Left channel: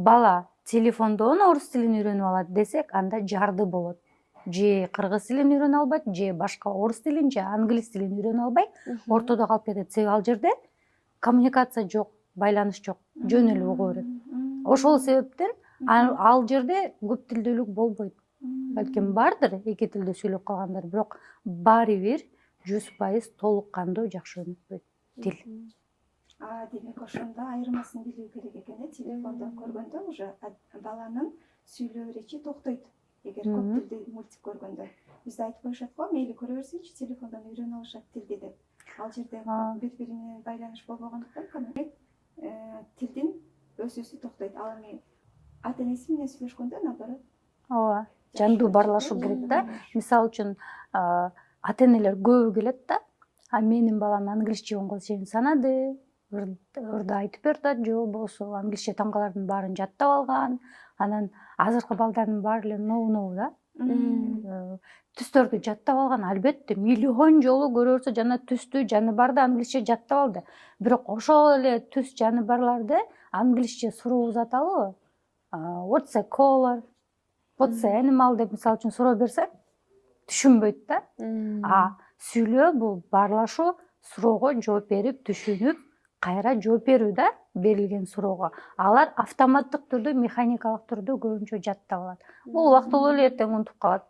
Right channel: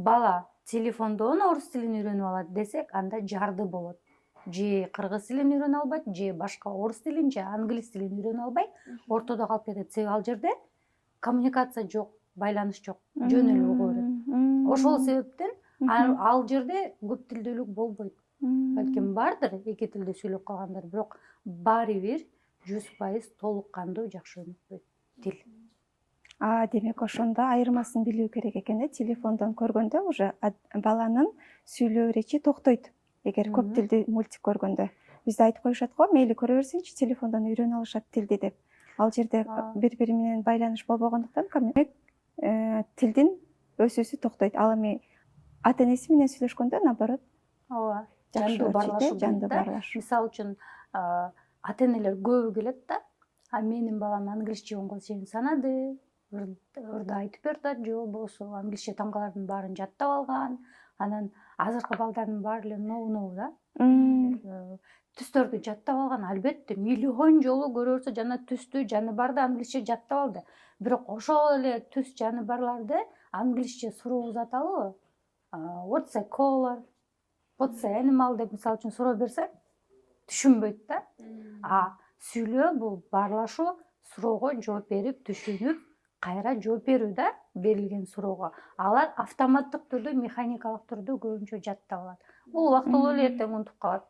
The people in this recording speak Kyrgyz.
бала телефондон орус тилин үйрөнүп алат десек, анда жарды болот. Же кыргыз тилин үйрөнө албайт, же башка орус тилин, же англис тилин үйрөнө албай, ортодо калып кетет. Себеби ал жерде коммуникация жок, байланыш жок, жөн эле угуу берет. Ошол себептен ал жерде көп тилдүүлүк болбойт. Балким бардыр эки тилде сүйлөп калгандар, бирок баары бир 100% толук кандуу жакшы өнүкпөйт тил. Демек ошондо айырмасын билүү керек экен, телефондон көргөндө уже баланын сүйлөө речи токтойт. Эгер көп тилди мультик көргөндө. Бизде айтып коюшат го, мейли көрө берсеңчи, телефондон үйрөнө алышат тилди деп. Ал жерде бири-бири менен байланыш болбогондуктан тилдин өсүүсү токтойт. Ал эми ата-энеси менен сүйлөшкөндө наоборот. Ооба, жандуу баарлашуу болот да. Мисалы үчүн ата-энелер көбү келет да. Менин балам англисче оңгол санады, ырды айтып берди, же болбосо англисче таңгалардын баарын жаттап алган. Анан азыркы балдардын баары эле ноу да. Түстөрдү жаттап алган, албетте миллион жолу көрө берсе жана түстү жаны барды англисче жаттап алды. Бирок ошол эле түс жаны барларды англисче суроо узаталы. What's a color? What's an animal деп мисалы үчүн суроо берсе, түшүнбөйт да. Сүйлөө бул баарлашуу, суроого жооп берип, түшүнүп, кайра жооп берүү да, берилген суроого. Алар автоматтык түрдө, механикалык түрдө көбүнчө жаттап алат. Бул убактылуу эле эртең унутуп калат.